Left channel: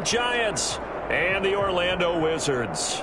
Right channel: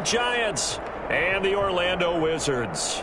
York Giants and the Orlando Wizards.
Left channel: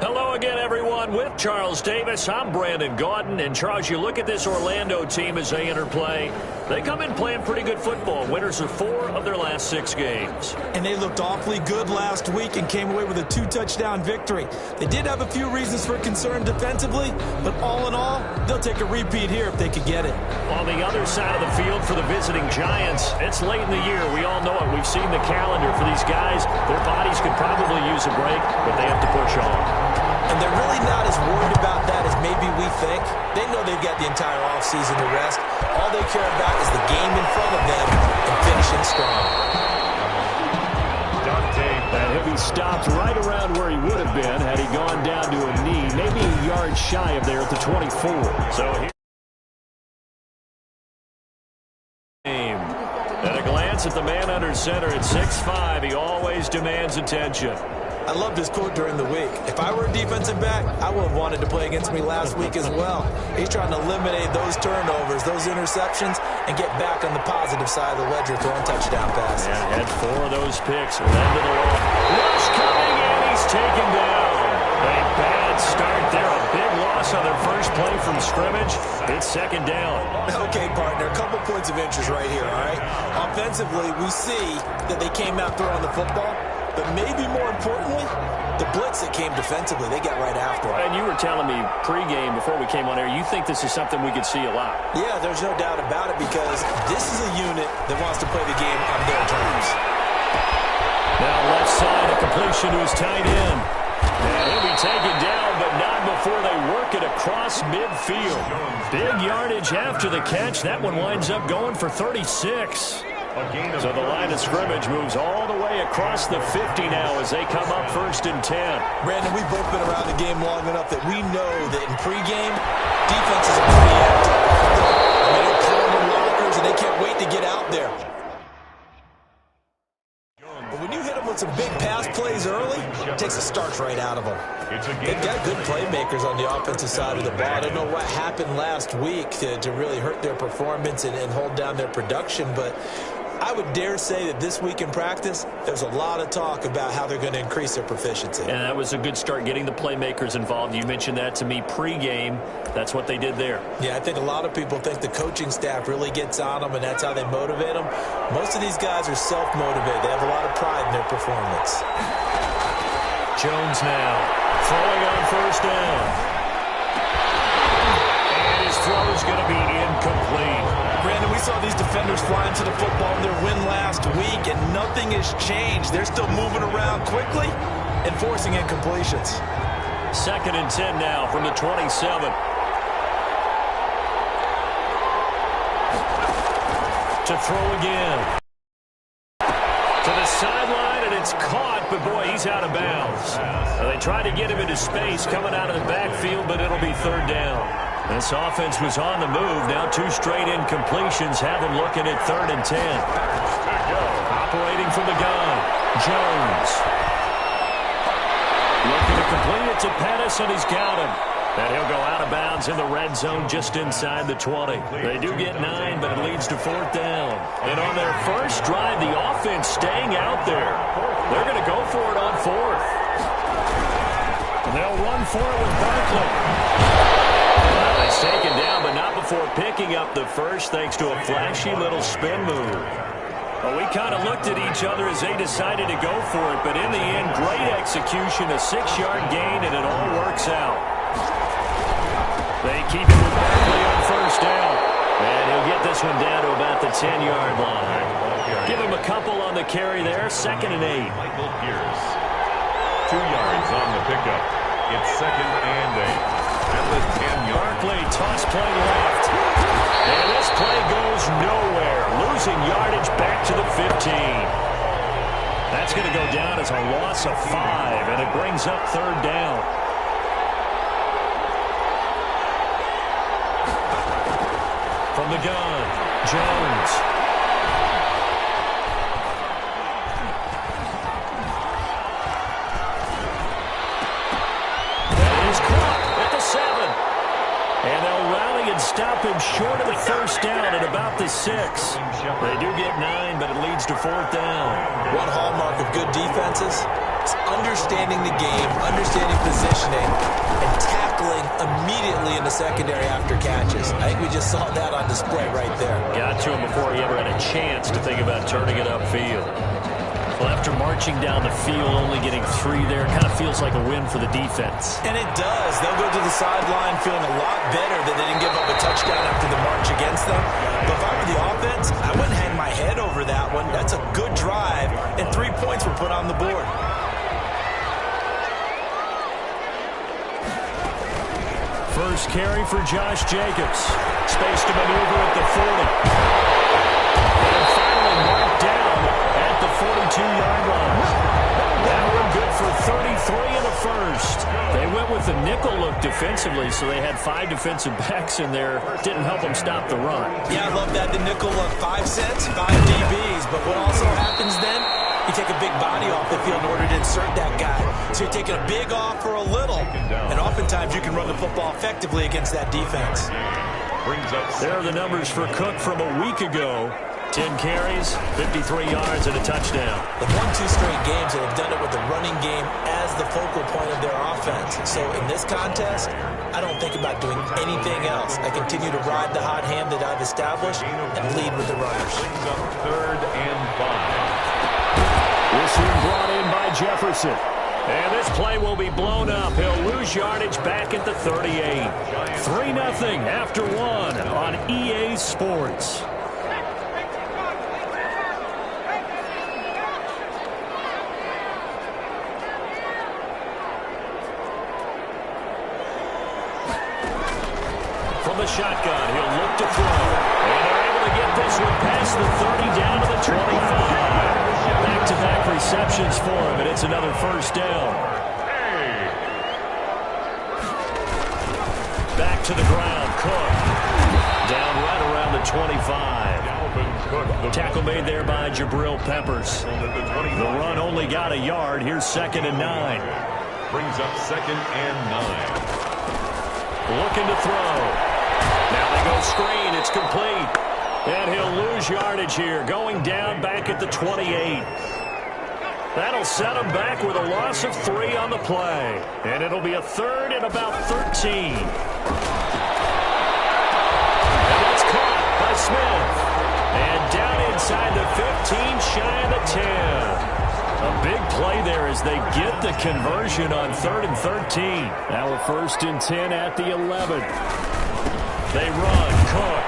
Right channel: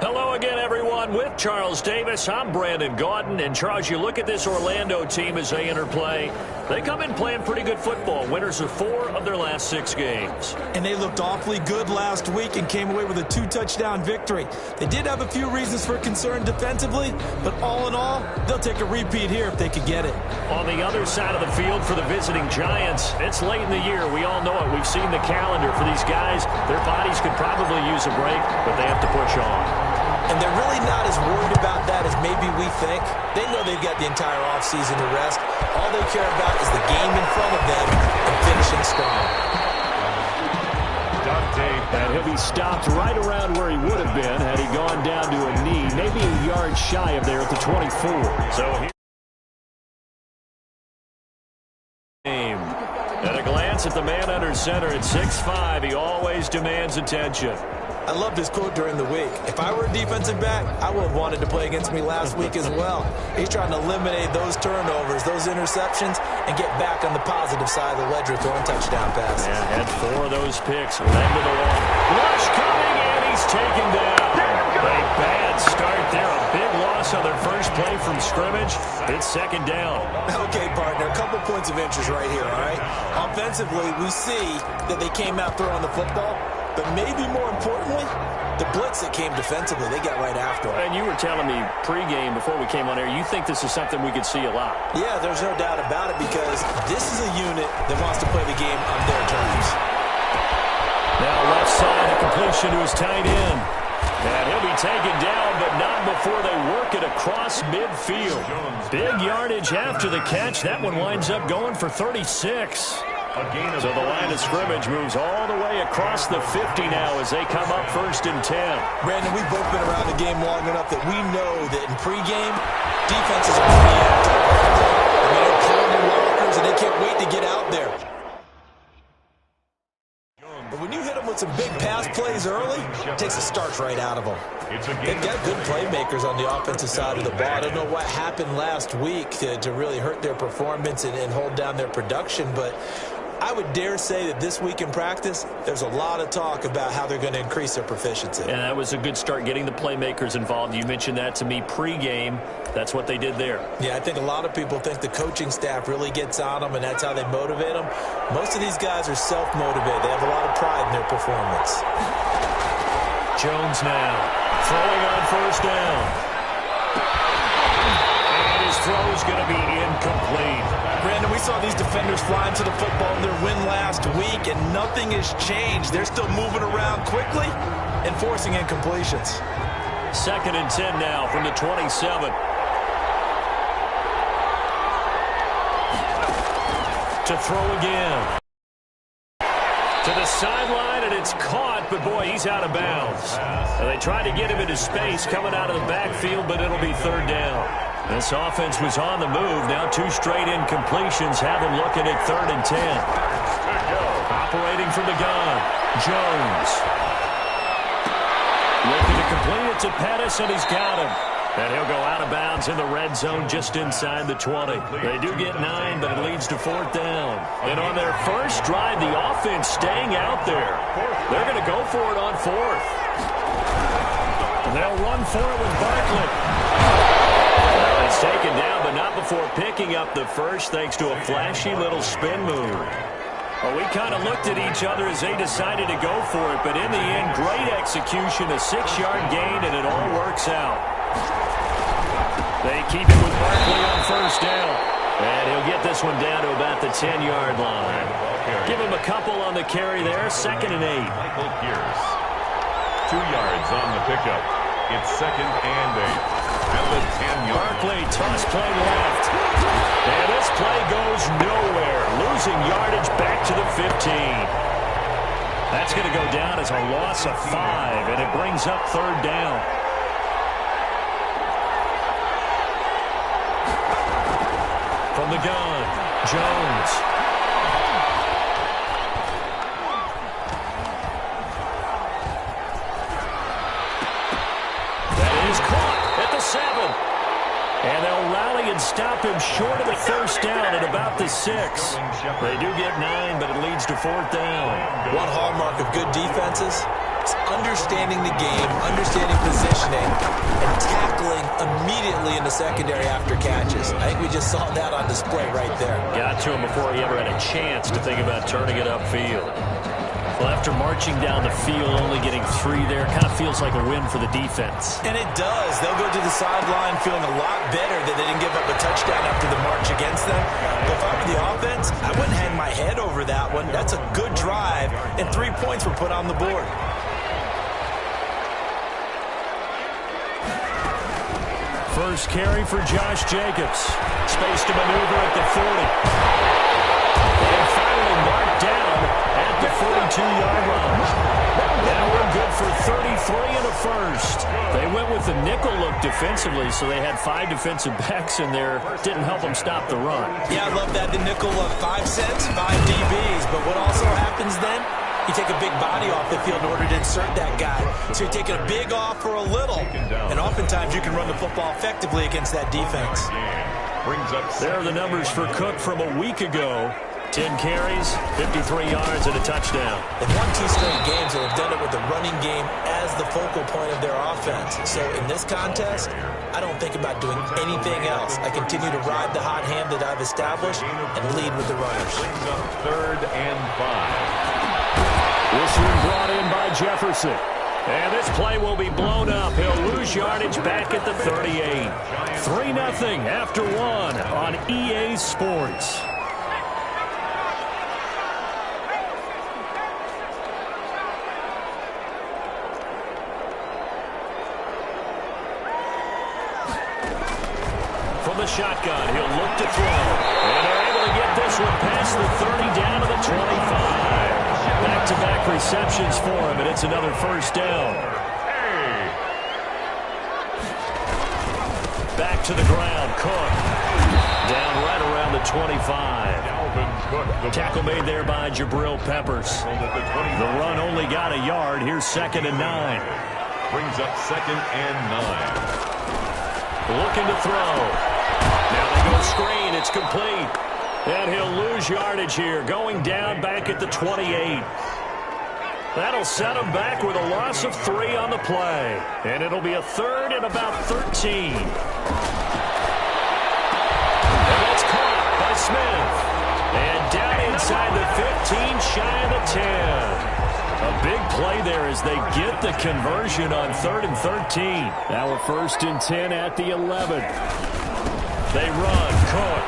Hello again, everyone. With Charles Davis, I'm Brandon Gaudin. And, Charles, you look at this Orlando team as they enter play. They come in playing pretty good football. Winners of 4 of their last 6 games. And they looked awfully good last week and came away with a 2-touchdown victory. They did have a few reasons for concern defensively, but all in all, they'll take a repeat here if they could get it. On the other side of the field for the visiting Giants, it's late in the year. We all know it. We've seen the calendar for these guys. Their bodies could probably use a break, but they have to push on. And they're really not as worried about that as maybe we think. They know they've got the entire offseason to rest. All they care about is the game in front of them and finishing strong. And he'll be stopped right around where he would have been had he gone down to a knee, maybe a yard shy of there at the 24. So here. At a glance at the man under center at 6'5", he always demands attention. I loved his quote during the week. If I were a defensive back, I would have wanted to play against me last week as well. He's trying to eliminate those turnovers, those interceptions, and get back on the positive side of the ledger throwing touchdown passes. Yeah, had 4 of those picks, led to the long. Rush coming, and he's taken down. A bad start there, a big loss on their first play from scrimmage. It's second down. Okay, partner, a couple points of interest right here, all right? Offensively, we see that they came out throwing the football. But maybe more importantly, the blitz that came defensively, they got right after it. And you were telling me pregame before we came on air, you think this is something we could see a lot. Yeah, there's no doubt about it because this is a unit that wants to play the game on their terms. Now left side, a completion to his tight end. And he'll be taken down, but not before they work it across midfield. Big yardage after the catch. That one winds up going for 36. So the line of scrimmage moves all the way across the 50 now as they come up 1st and 10. Brandon, we've both been around the game long enough that we know that in pregame, defenses are pretty active. I mean, they're pounding lockers, and they can't wait to get out there. But when you hit them with some big pass plays early, it takes the starch right out of them. They've got good playmakers on the offensive side of the ball. I don't know what happened last week to really hurt their performance and hold down their production, but I would dare say that this week in practice, there's a lot of talk about how they're going to increase their proficiency. And that was a good start getting the playmakers involved. You mentioned that to me pregame. That's what they did there. Yeah, I think a lot of people think the coaching staff really gets on them, and that's how they motivate them. Most of these guys are self-motivated. They have a lot of pride in their performance. Jones now throwing on 1st down. And his throw is going to be incomplete. Brandon, we saw these defenders flying to the football in their win last week, and nothing has changed. They're still moving around quickly and forcing incompletions. 2nd and 10 now from the 27. To throw again. To the sideline, and it's caught, but boy, he's out of bounds. They tried to get him into space coming out of the backfield, but it'll be 3rd down. This offense was on the move. Now 2 straight incompletions have them looking at 3rd and 10. Operating from the gun, Jones. Looking to complete it to Pettis, and he's got him. And he'll go out of bounds in the red zone just inside the 20. They do get 9, but it leads to 4th down. And on their first drive, the offense staying out there. They're going to go for it on 4th. And they'll run for it with Barkley. Well, he's taken down, but not before picking up the first thanks to a flashy little spin move. Well, we kind of looked at each other as they decided to go for it, but in the end, great execution, a 6-yard gain, and it all works out. They keep it with Barkley on 1st down. And he'll get this one down to about the 10-yard line. Give him a couple on the carry there, 2nd and 8. Michael Pierce. 2 yards on the pickup. It's 2nd and 8. At the 10-yard. Barkley, toss play left. And this play goes nowhere. Losing yardage back to the 15. That's going to go down as a loss of 5, and it brings up 3rd down. From the gun, Jones. That is caught at the 7. And they'll rally and stop him short of the first down at about the 6. They do get 9, but it leads to 4th down. One hallmark of good defenses is understanding the game, understanding positioning, and tackling immediately in the secondary after catches. I think we just saw that on display right there. Got to him before he ever had a chance to think about turning it upfield. Well, after marching down the field, only getting 3 there, kind of feels like a win for the defense. And it does. They'll go to the sideline feeling a lot better that they didn't give up a touchdown after the march against them. But if I were the offense, I wouldn't hang my head over that one. That's a good drive, and 3 points were put on the board. First carry for Josh Jacobs. Space to maneuver at the 40. And finally marked down at the 42-yard line. That one good for 33 and a first. They went with the nickel look defensively, so they had 5 defensive backs in there. Didn't help them stop the run. Yeah, I love that. The nickel look, 5 cents, 5 DBs. But what also happens then? You take a big body off the field in order to insert that guy. So you're taking a big off for a little. And oftentimes you can run the football effectively against that defense. There are the numbers for Cook from a week ago. 10 carries, 53 yards, and a touchdown. They've won 2 straight games, and they've done it with the running game as the focal point of their offense. So in this contest, I don't think about doing anything else. I continue to ride the hot hand that I've established and lead with the runners. 3rd and 5. This one brought in by Jefferson. And this play will be blown up. He'll lose yardage back at the 38. 3-0 after 1 on EA Sports. From the shotgun, he'll look to throw. And they're able to get this one past the 30 down to the 25. Back-to-back receptions for him, and it's another first down. Back to the ground, Cook. Down right around the 25. Tackle made there by Jabril Peppers. The run only got a yard. Here's 2nd and 9. Brings up 2nd and 9. Looking to throw. Now they go screen. It's complete. And he'll lose yardage here, going down back at the 28. That'll set him back with a loss of 3 on the play. And it'll be a 3rd and about 13. And that's caught by Smith. And down inside the 15, shy of the 10. A big play there as they get the conversion on 3rd and 13. Now a 1st and 10 at the 11. They run, Cook.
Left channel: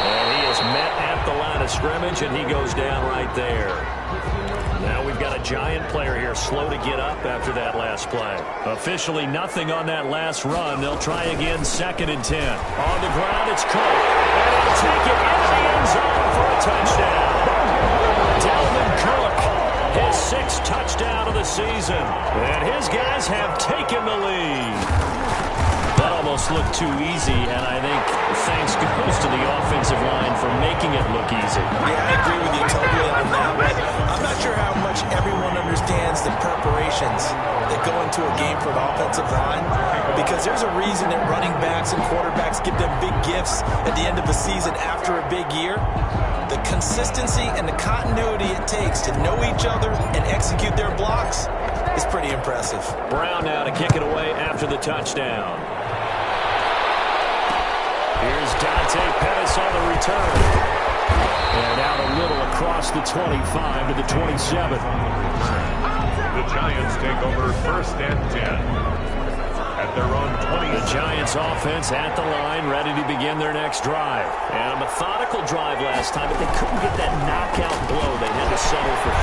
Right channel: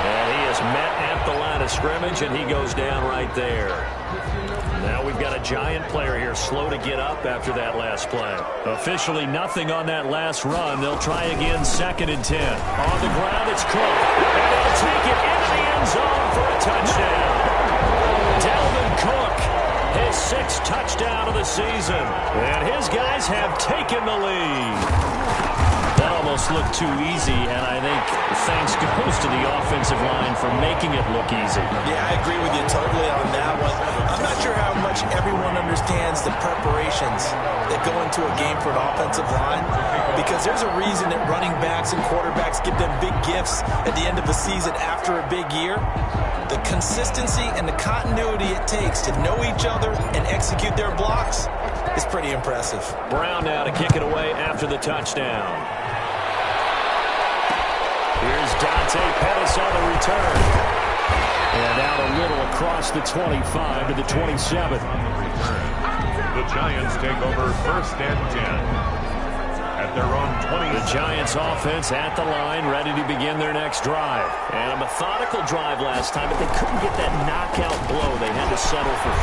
And he is met at the line of scrimmage, and he goes down right there. Now we've got a Giant player here slow to get up after that last play. Officially nothing on that last run. They'll try again 2nd and 10. On the ground, it's Cook. And he'll take it into the end zone for a touchdown. Dalvin Cook, his 6th touchdown of the season. And his guys have taken the lead. That almost looked too easy, and I think thanks goes to the offensive line for making it look easy. Yeah, I agree with you totally on that one. I'm not sure how much everyone understands the preparations that go into a game for an offensive line, because there's a reason that running backs and quarterbacks give them big gifts at the end of the season after a big year. The consistency and the continuity it takes to know each other and execute their blocks is pretty impressive. Brown now to kick it away after the touchdown. Here's Dante Pettis on the return. And out a little across the 25 to the 27. The Giants take over 1st and 10. At their own 20. The Giants offense at the line, ready to begin their next drive. And a methodical drive last time, but they couldn't get that knockout blow. They had to settle for 3.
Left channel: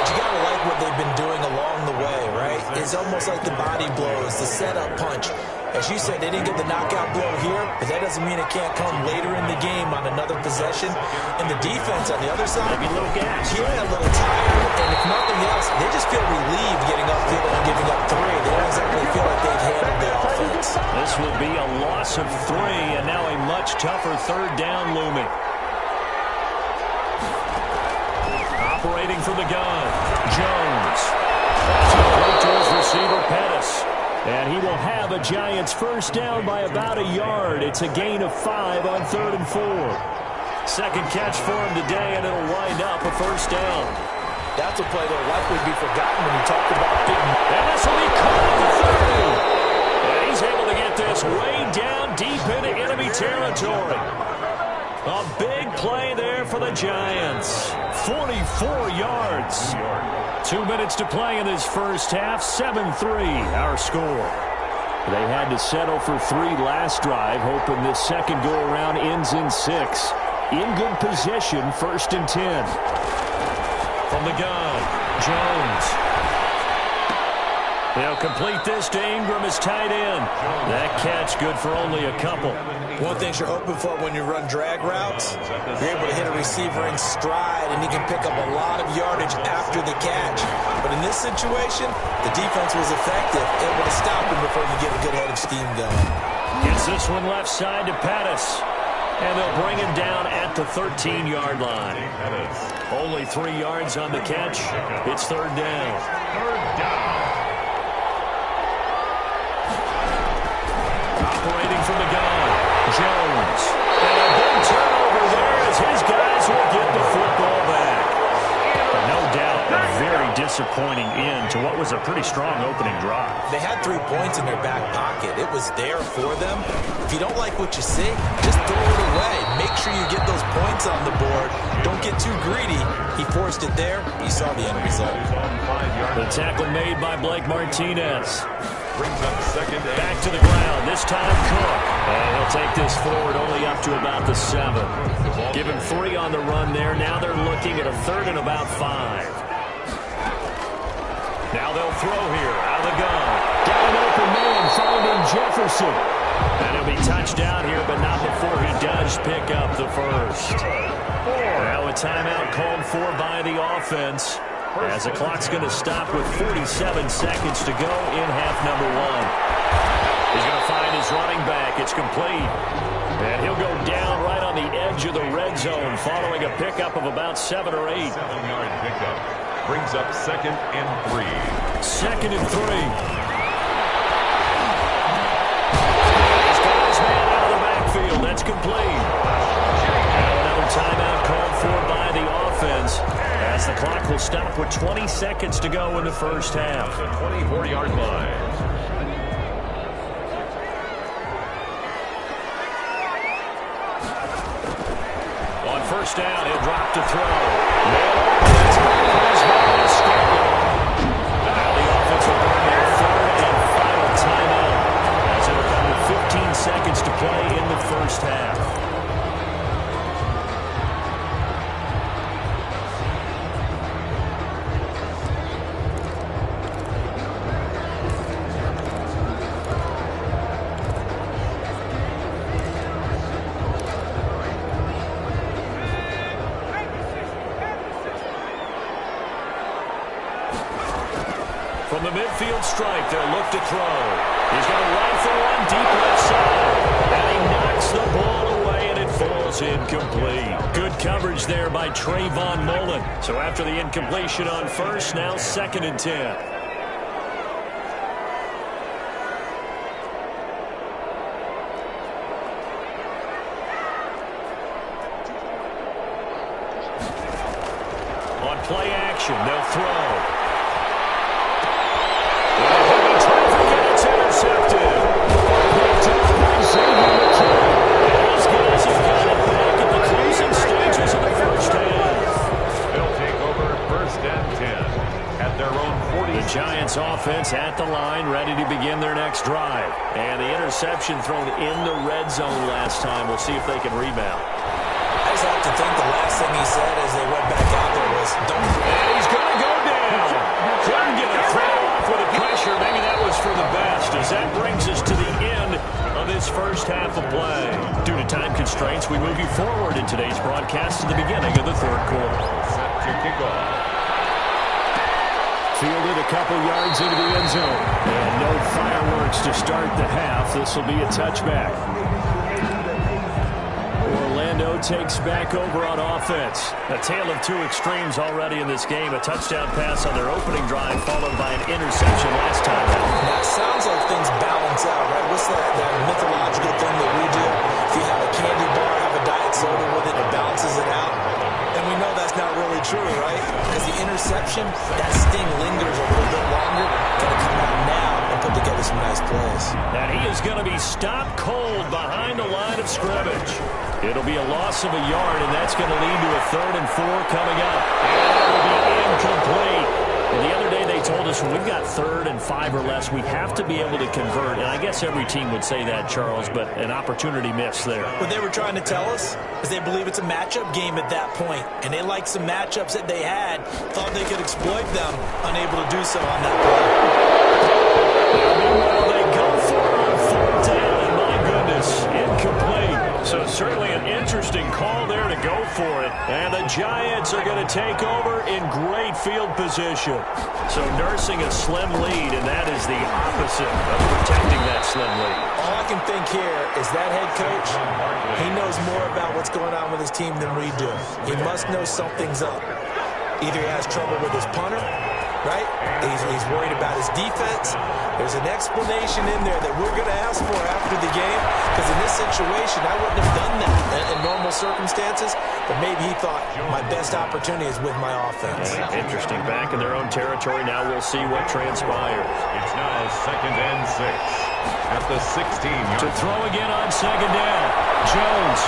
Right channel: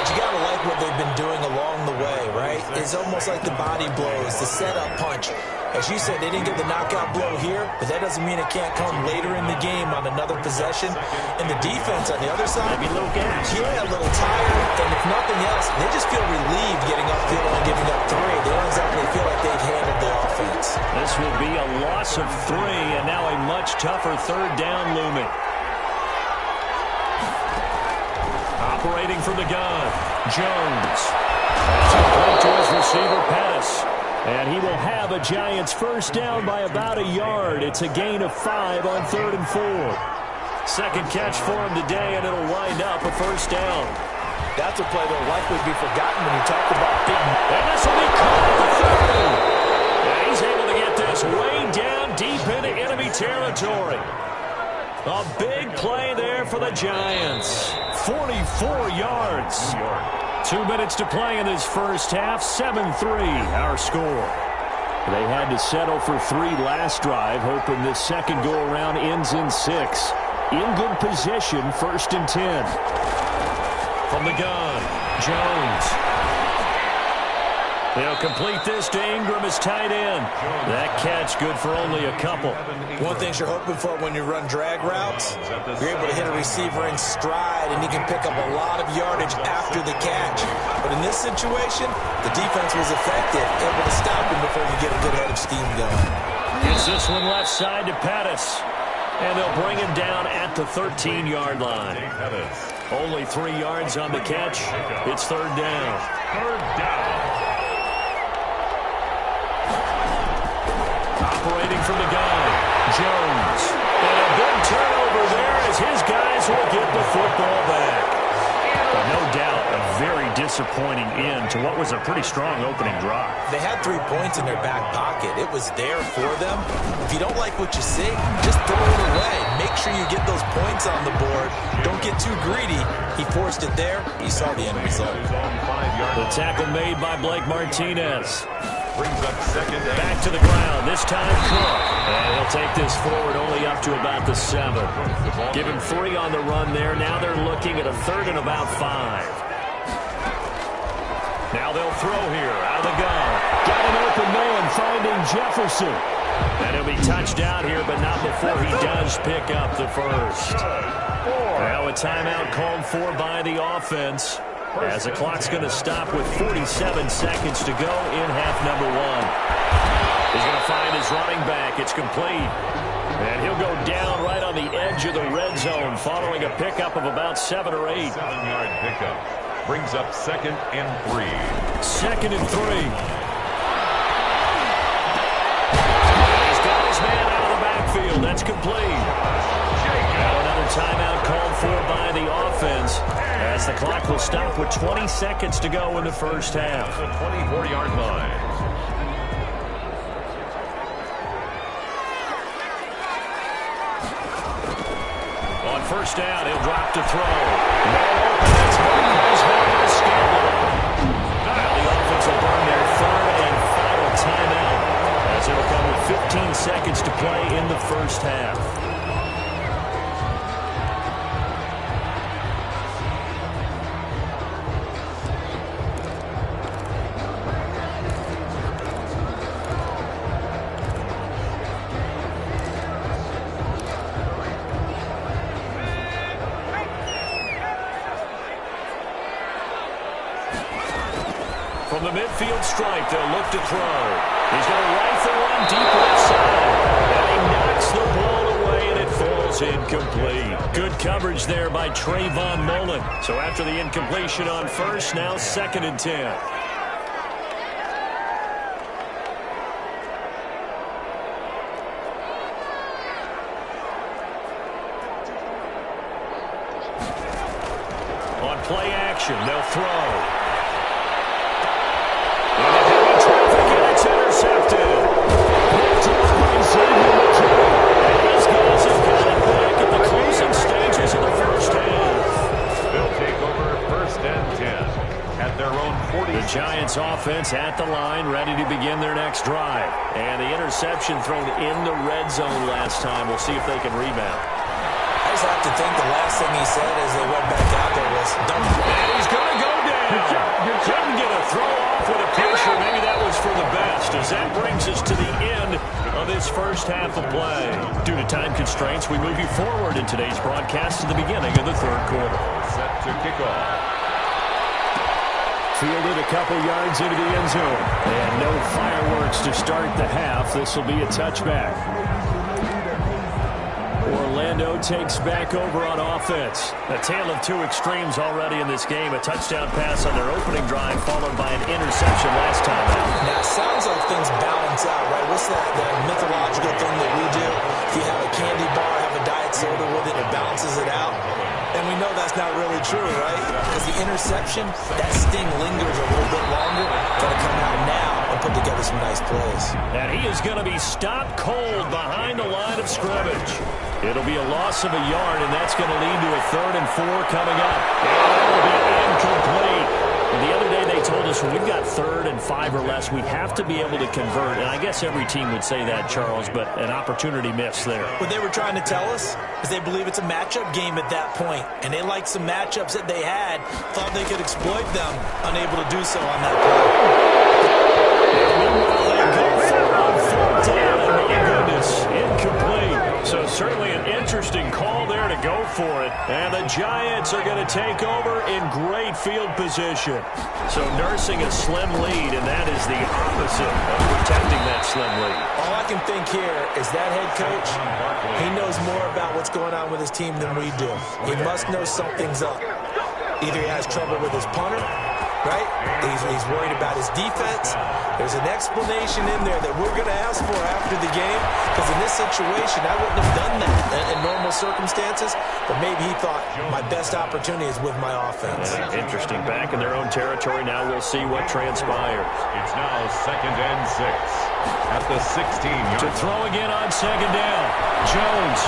But you got to like what they've been doing along the way, right? It's almost like the body blows, the setup punch. As you said, they didn't get the knockout blow here, but that doesn't mean it can't come later in the game on another possession. And the defense on the other side, maybe a little gas. Yeah, a little tired. And if nothing else, they just feel relieved getting upfield and giving up 3. They don't exactly feel like they've handled the offense. This will be a loss of 3, and now a much tougher 3rd down looming. Operating from the gun, Jones. That's complete to his receiver, Pettis. And he will have a Giants first down by about a yard. It's a gain of 5 on 3rd and 4. Second catch for him today, and it'll wind up a first down. That's a play that will likely be forgotten when you talk about big. And this will be caught at the 30. And he's able to get this way down deep into enemy territory. A big play there for the Giants. 44 yards. 2 minutes to play in this first half. 7-3 our score. They had to settle for 3 last drive, hoping this second go-around ends in 6. In good position, 1st and 10. From the gun, Jones. They'll complete this to Ingram as tight end. That catch good for only a couple. One thing you're hoping for when you run drag routes, you're able to hit a receiver in stride, and he can pick up a lot of yardage after the catch. But in this situation, the defense was effective, able to stop him before you get a good head of steam going. Gets this one left side to Pettis. And they'll bring him down at the 13-yard line. Only 3 yards on the catch. It's 3rd down. 3rd down. Operating from the gun, Jones. And a big turnover there as his guys will get the football back. But no doubt a very disappointing end to what was a pretty strong opening drive. They had 3 points in their back pocket. It was there for them. If you don't like what you see, just throw it away. Make sure you get those points on the board. Don't get too greedy. He forced it there. You saw the end result. The tackle made by Blake Martinez. Brings up 2nd and back to the ground. This time Cook. And he'll take this forward only up to about the 7. Give him 3 on the run there. Now they're looking at a 3rd and about 5. Now they'll throw here out of the gun. Got an open man finding Jefferson. And he'll be touched out here, but not before he does pick up the first. Now a timeout called for by the offense, as the clock's going to stop with 47 seconds to go in half number 1. He's going to find his running back. It's complete. And he'll go down right on the edge of the red zone following a pickup of about 7 or 8. 7-yard pickup. Brings up 2nd and 3. 2nd and 3. And he's got his man out of the backfield. That's complete. Now another timeout called for by the offense, as the clock will stop with 20 seconds to go in the first half. The 24-yard line. On first down, he'll drop to throw. Man open, that's Marquez Valdez-Scantling. Now the offense will burn their 3rd and final timeout, as it'll come with 15 seconds to play in the first half. From the midfield stripe, they'll look to throw. He's going to rifle one deep left side. And he knocks the ball away, and it falls incomplete. Good coverage there by Trayvon Mullen. So after the incompletion on first, now 2nd and 10. On play action, they'll throw. It's intercepted. Picked off by Xavier McKinney. And these guys have got it back at the closing stages of the first half. They'll take over 1st and 10 at their own 40. The Giants offense at the line, ready to begin their next drive. And the interception thrown in the red zone last time. We'll see if they can rebound. I just have to think the last thing he said as they went back out there was, don't. And he's going to go down. Couldn't get a throw off with the pressure. Maybe that was for the best, as that brings us to the end of this first half of play. Due to time constraints, we move you forward in today's broadcast to the beginning of the 3rd quarter. Set to kick off. Fielded a couple yards into the end zone. And no fireworks to start the half. This will be a touchback. Orlando Orlando takes back over on offense. A tale of two extremes already in this game. A touchdown pass on their opening drive followed by an interception last time out. Now, it sounds like things balance out, right? What's that mythological thing that we do? If you have a candy bar, have a diet soda with it, it balances it out. And we know that's not really true, right? Because the interception, that sting lingers a little bit longer. Got to come out now and put together some nice plays. And he is going to be stopped cold behind the line of scrimmage. It'll be a loss of a yard, and that's going to lead to a 3rd and 4 coming up. And that will be incomplete. Well, the other day they told us when we've got 3rd and 5 or less, we have to be able to convert. And I guess every team would say that, Charles, but an opportunity missed there. What they were trying to tell us is they believe it's a matchup game at that point. And they liked some matchups that they had, thought they could exploit them, unable to do so on that play. Now, meanwhile, they go for it on 4th down, and my goodness, incomplete. So certainly an interesting call there to go for it. And the Giants are going to take over in great field position. So nursing a slim lead, and that is the opposite of protecting that slim lead. All I can think here is that head coach, he knows more about what's going on with his team than we do. He must know something's up. Either he has trouble with his punter, right? He's worried about his defense. There's an explanation in there that we're going to ask for after the game, because in this situation, I wouldn't have done that in normal circumstances, but maybe he thought my best opportunity is with my offense. Yeah, interesting. Back in their own territory. Now we'll see what transpires. It's now 2nd and 6 at the 16-yard. To throw again on 2nd down. Jones.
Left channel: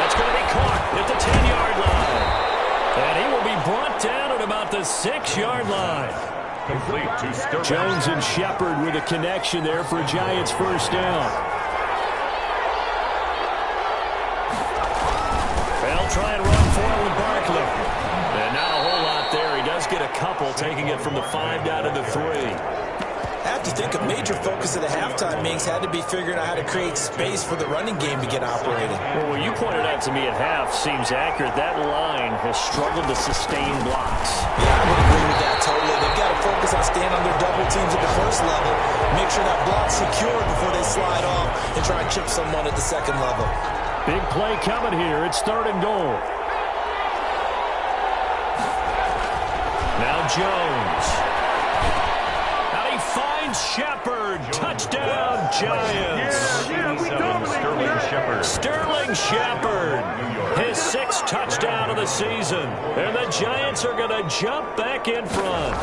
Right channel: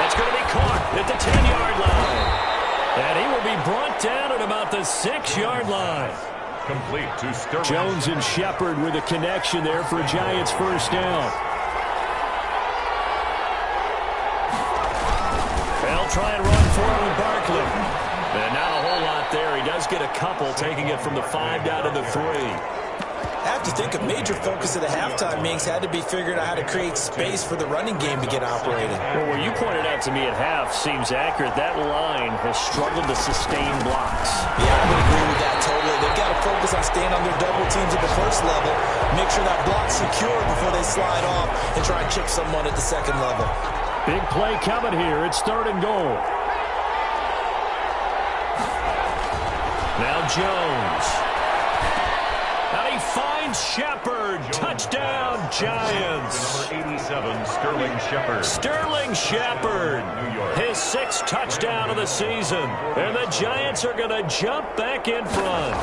That's going to be caught at the 10-yard line. And he will be brought down at about the 6-yard line. Complete to Sterling. Jones and Shepard with a connection there for a Giants 1st down. They'll try and run for it with Barkley. And not a whole lot there. He does get a couple, taking it from the 5 down to the 3. I have to think a major focus of the halftime meetings had to be figuring out how to create space for the running game to get operating. Well, what you pointed out to me at half seems accurate. That line has struggled to sustain blocks. Yeah, I would agree with that totally. They've got to focus on staying on their double teams at the first level, make sure that block's secure before they slide off and try and chip someone at the second level. Big play coming here. It's 3rd and goal. Now Jones. And he finds Shepard. Touchdown, Giants. Number 87, Sterling Shepard. Sterling Shepard. His 6th touchdown of the season. And the Giants are going to jump back in front.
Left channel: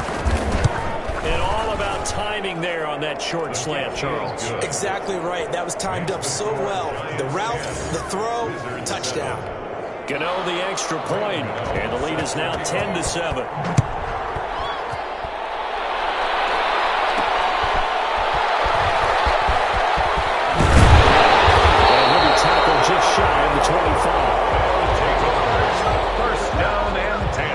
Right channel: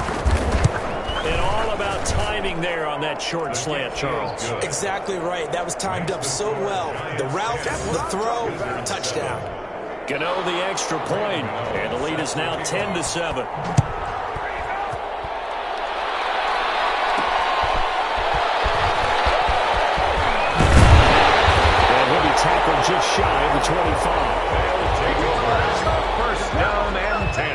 And all about timing there on that short slant, Charles. Exactly right. That was timed up so well. The route, the throw, touchdown. Gano the extra point. And the lead is now 10-7. Tackled just shy of the 25. They'll take over. 1st down and 10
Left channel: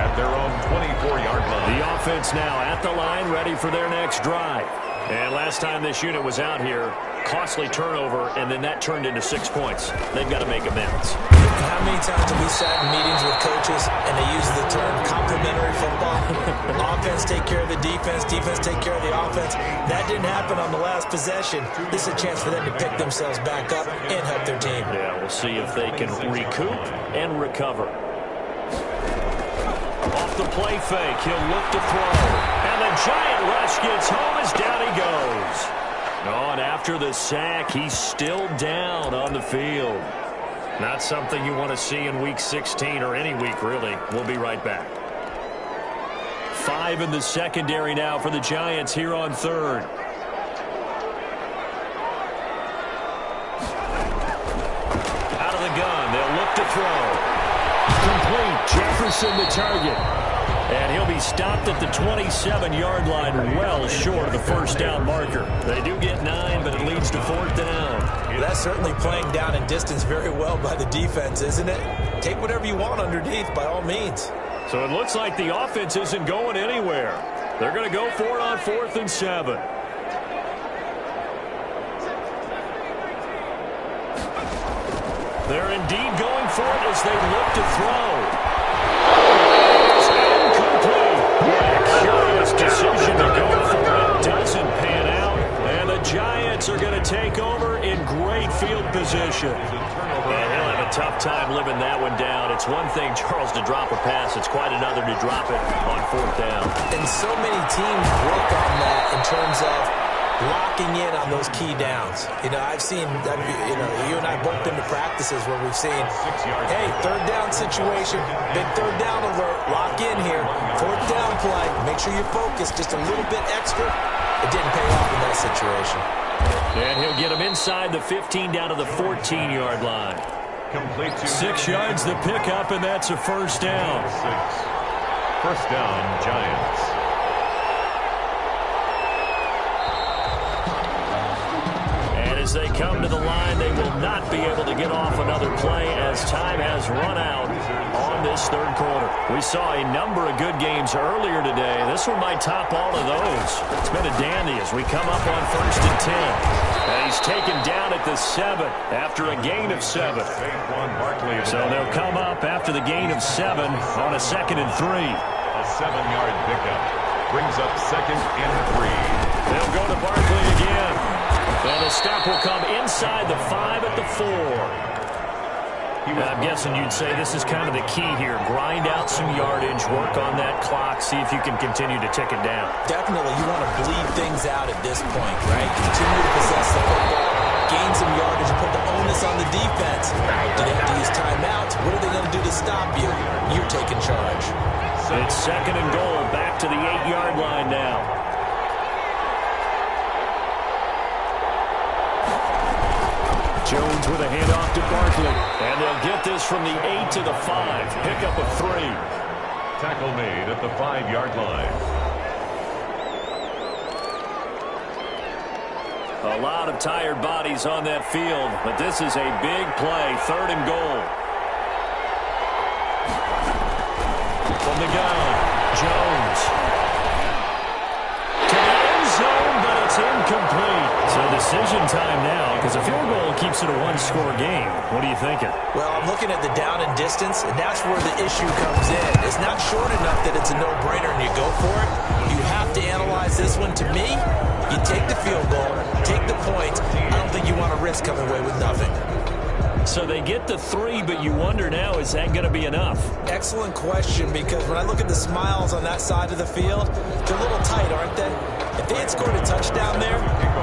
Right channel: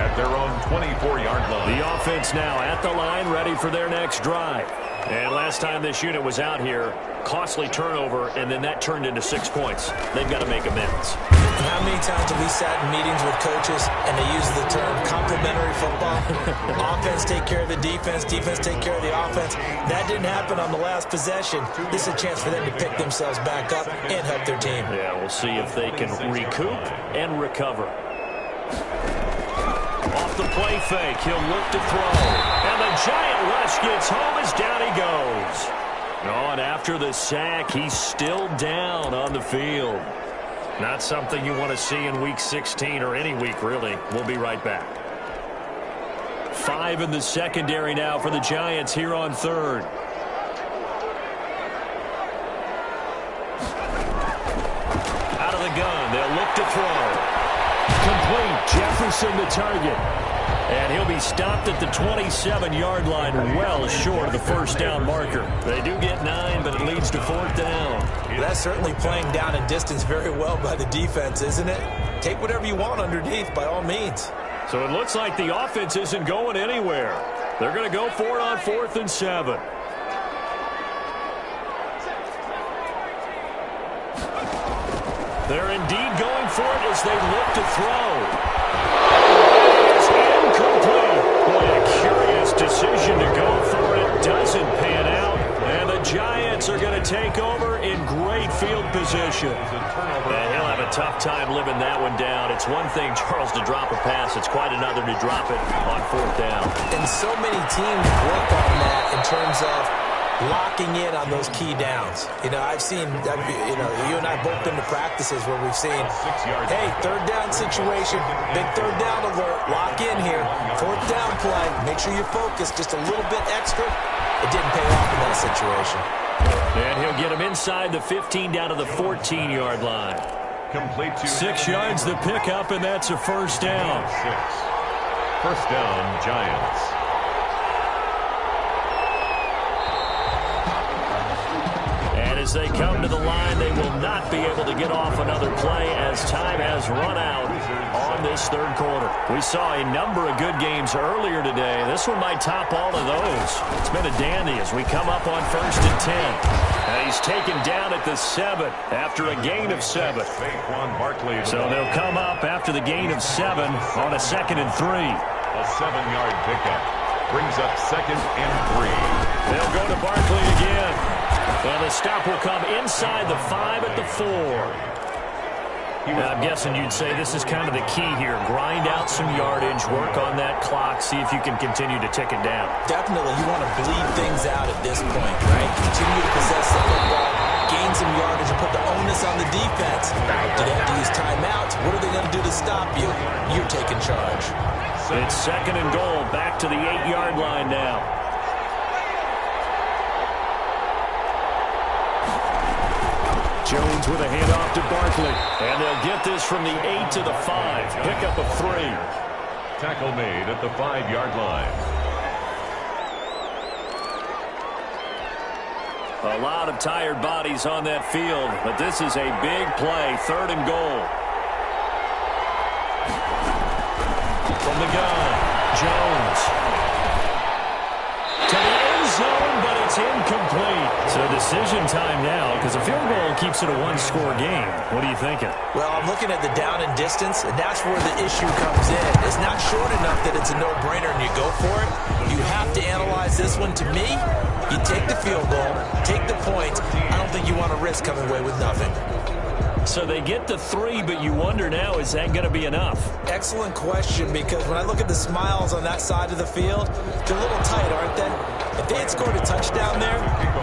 at their own 24-yard line. The offense now at the line, ready for their next drive. And last time this unit was out here, costly turnover, and then that turned into 6 points. They've got to make amends. How many times have we sat in meetings with coaches and they use the term complementary football? Offense take care of the defense, defense take care of the offense. That didn't happen on the last possession. This is a chance for them to pick themselves back up and help their team. Yeah, we'll see if they can recoup and recover. Off the play fake, he'll look to throw. And the giant rush gets home as down he goes. Oh, and after the sack, he's still down on the field. Not something you want to see in Week 16 or any week, really. We'll be right back. 5 in the secondary now for the Giants here on 3rd. Out of the gun, they'll look to throw. Complete, Jefferson the target. And he'll be stopped at the 27-yard line, well short of the 1st down marker. They do get 9, but it leads to 4th down. That's certainly playing down in distance very well by the defense, isn't it? Take whatever you want underneath, by all means. So it looks like the offense isn't going anywhere. They're going to go for it on 4th and 7. They're indeed going for it as they look to throw. It's incomplete. Boy, a curious decision to go for it. Doesn't pan out. And the Giants are going to take over in great field position. And he'll have a tough time living that one down. It's one thing, Charles, to drop a pass. It's quite another to drop it on 4th down. And so many teams work on that in terms of locking in on those key downs. I've seen, you and I both been to practices where we've seen, hey, 3rd down situation, big 3rd down alert, lock in here, 4th down play, make sure you focus just a little bit extra. It didn't pay off in that situation. And he'll get him inside the 15 down to the 14-yard line. Complete to 6 yards the pickup, and that's a 1st down. 1st down, Giants. As they come to the line, they will not be able to get off another play as time has run out on this 3rd quarter. We saw a number of good games earlier today. This one might top all of those. It's been a dandy as we come up on 1st and 10. And he's taken down at the 7 after a gain of 7. So they'll come up after the gain of 7 on a 2nd and 3. A 7-yard pickup brings up 2nd and 3. They'll go to Barkley again. And the stop will come inside the 5 at the 4. I'm guessing you'd say this is kind of the key here. Grind out some yardage, work on that clock, see if you can continue to tick it down. Definitely, you want to bleed things out at this point, right? Continue to possess the football, gain some yardage, and put the onus on the defense. Do they have to use timeouts? What are they going to do to stop you? You're taking charge. It's 2nd and goal, back to the 8-yard line now. Jones with a handoff to Barkley. And they'll get this from the 8 to the 5. Pickup of 3. Tackle made at the 5-yard line. A lot of tired bodies on that field, but this is a big play. 3rd and goal. From the gun, Jones. To the end zone, but it's incomplete. So decision time now, because a field goal keeps it a 1-score game. What are you thinking? Well, I'm looking at the down and distance, and that's where the issue comes in. It's not short enough that it's a no-brainer and you go for it. You have to analyze this one. To me, you take the field goal, take the points. I don't think you want to risk coming away with nothing. So they get the 3, but you wonder now, is that going to be enough? Excellent question, because when I look at the smiles on that side of the field, they're a little tight, aren't they? If they had scored a touchdown there,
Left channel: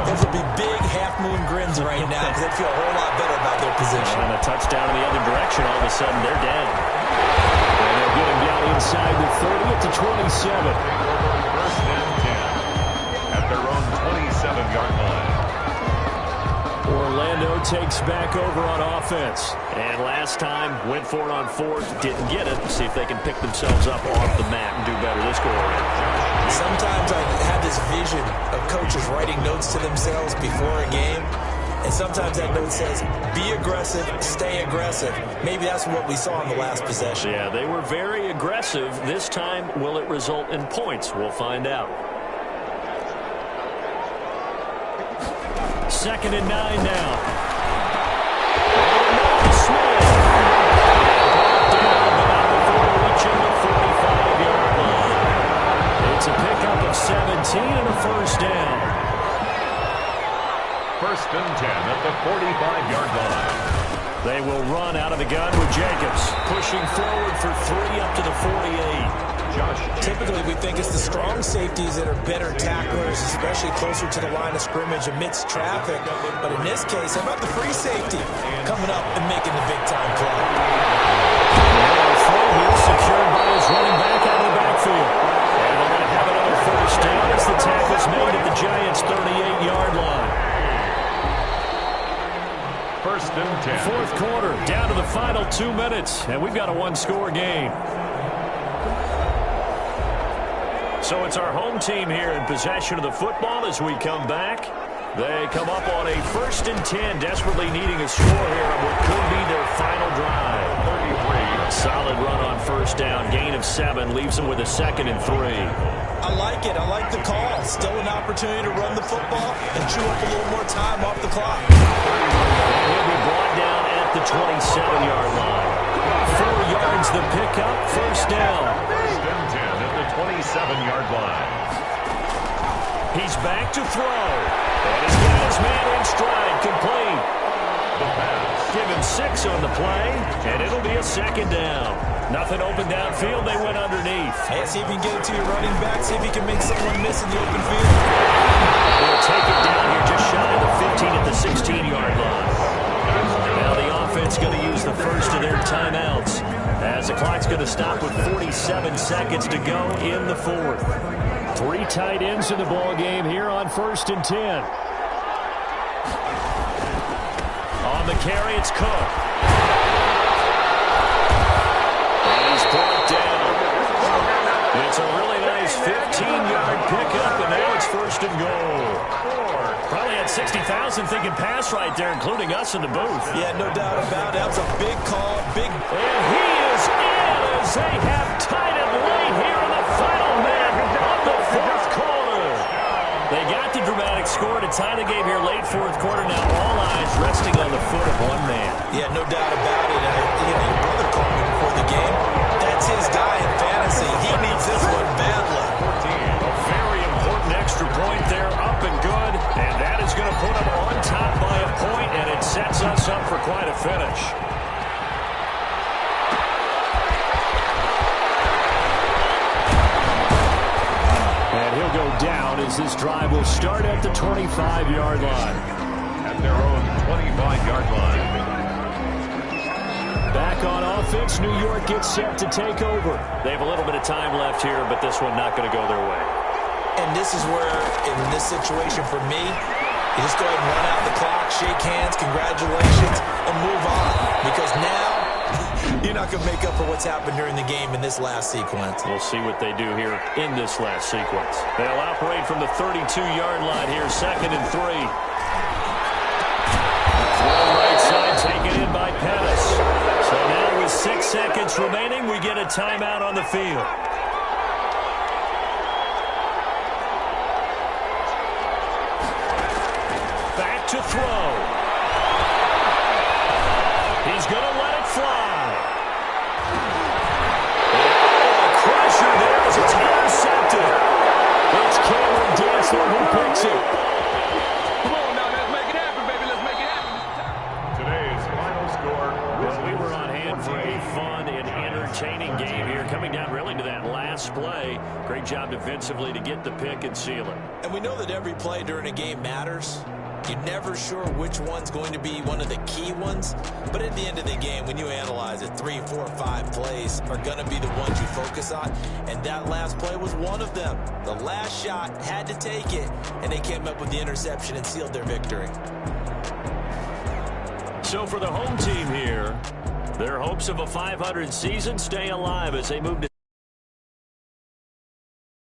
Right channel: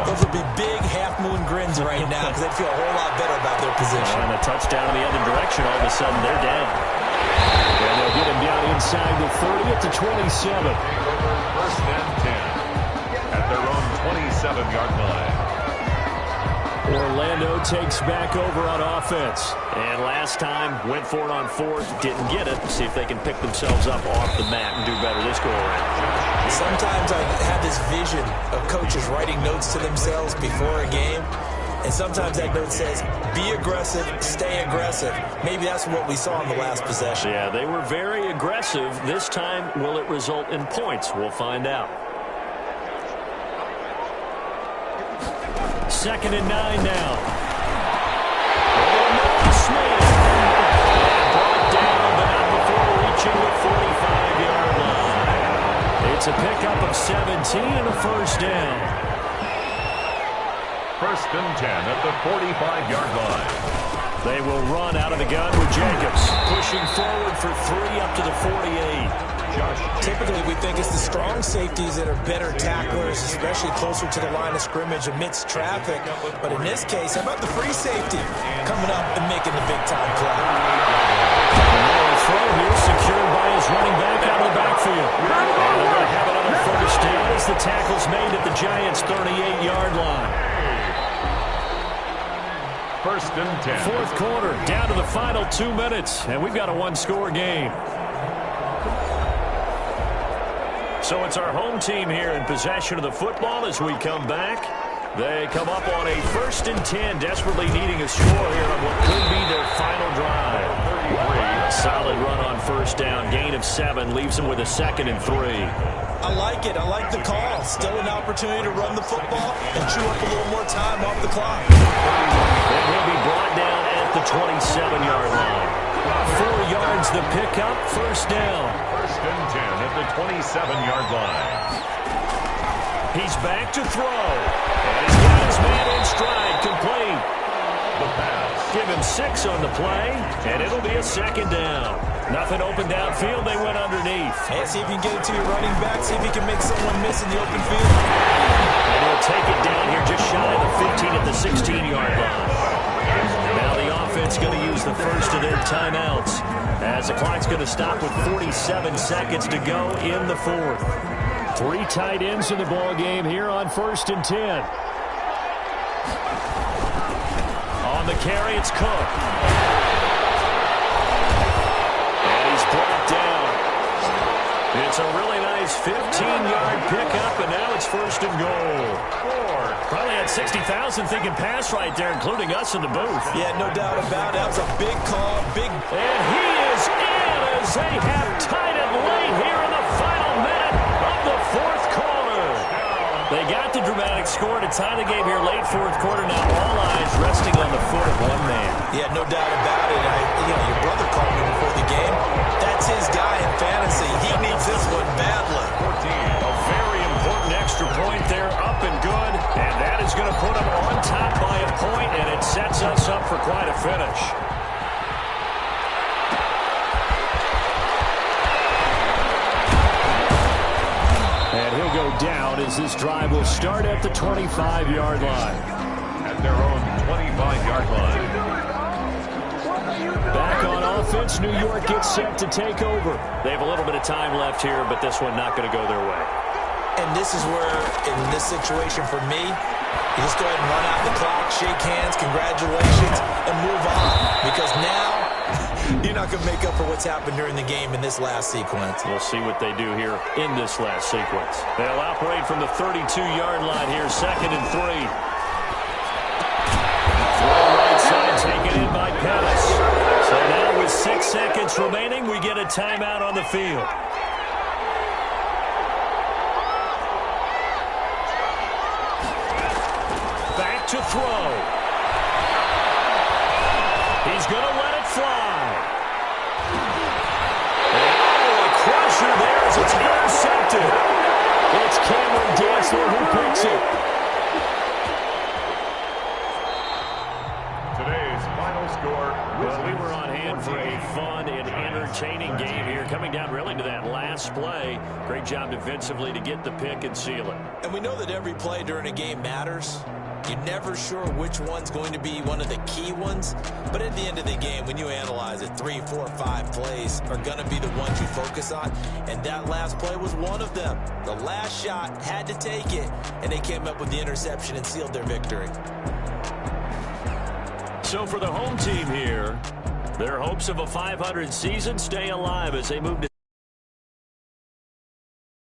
those would be big half-moon grins right now because they'd feel a whole lot better about their position. And a touchdown in the other direction, all of a sudden they're down. And they'll get him down inside the 30 at the 27. 1st and 10 at their own 27-yard line. Orlando takes back over on offense. And last time, went for it on 4th, didn't get it. See if they can pick themselves up off the mat and do better this go-around. Sometimes I have this vision of coaches writing notes to themselves before a game. And sometimes that note says, be aggressive, stay aggressive. Maybe that's what we saw in the last possession. Yeah, they were very aggressive. This time, will it result in points? We'll find out. 2nd and 9 now. Smith. Brought down, but not before reaching the 45-yard line. It's a pickup of 17 and a 1st down. 1st and 10 at the 45-yard line. They will run out of the gun with Jacobs, pushing forward for 3 up to the 48. Typically, we think it's the strong safeties that are better tacklers, especially closer to the line of scrimmage amidst traffic. But in this case, how about the free safety coming up and making the big-time play? A throw here secured by his running back out of the backfield. And they're going to have another 1st down as the tackle's made at the Giants' 38-yard line. 1st and 10. 4th quarter, down to the final 2 minutes, and we've got a 1-score game. So it's our home team here in possession of the football as we come back. They come up on a 1st and 10, desperately needing a score here on what could be their final drive. 33. A solid run on 1st down, gain of 7, leaves them with a 2nd and 3. I like it. I like the call. Still an opportunity to run the football and chew up a little more time off the clock. And he'll be brought down at the 27-yard line. 4 yards the pickup, 1st down. 1st and 10 at the 27-yard line. He's back to throw. And he's got it 6 on the play, and it'll be a second down. Nothing open downfield. They went underneath. Hey, see if you can get it to your running back. See if you can make someone miss in the open field. And he'll take it down here just shy of the 15 at the 16-yard line. Now the offense going to use the first of their timeouts as the clock's going to stop with 47 seconds to go in the fourth. 3 tight ends in the ball game here on 1st and 10. On the carry, it's Cook. And he's brought down. It's a really nice 15-yard pickup, and now it's 1st and goal. Probably had 60,000 thinking pass right there, including us in the booth. Yeah, no doubt about it. That was a big call. And he is in as they have tied it late here in the final minute of the 4th quarter. They got the dramatic score to tie the game here late 4th quarter. Now all eyes resting on the foot of one man. Yeah, no doubt about it. Your brother called me before the game. That's his guy in fantasy. He needs this one badly. 14. A very important extra point there, up and good. And that is going to put him on top by a point, and it sets us up for quite a finish. And he'll go down as this drive will start at the 25-yard line. At their own 25-yard line. Back on offense, New York gets set to take over. They have a little bit of time left here, but this one not going to go their way. And this is where, in this situation for me, you just go ahead and run out the clock, shake hands, congratulations, and move on. Because now, you're not going to make up for what's happened during the game in this last sequence. We'll see what they do here in this last sequence. They'll operate from the 32-yard line here, 2nd and 3. Throw right side, taken in by Pettis. So now with 6 seconds remaining, we get a timeout on the field. Back to throw. He's going to let it fly. And, a crusher there as it's intercepted. It's Cameron Dantzler who picks it. Today's final score. Well, we were on hand for a fun and entertaining game here, coming down really to that last play. Great job defensively to get the pick and seal it. And we know that every play during a game matters. You're never sure which one's going to be one of the key ones. But at the end of the game, when you analyze it, 3, 4, 5 plays are going to be the ones you focus on. And that last play was one of them. The last shot had to take it, and they came up with the interception and sealed their victory. So for the home team here, their hopes of a 500 season stay alive as they move to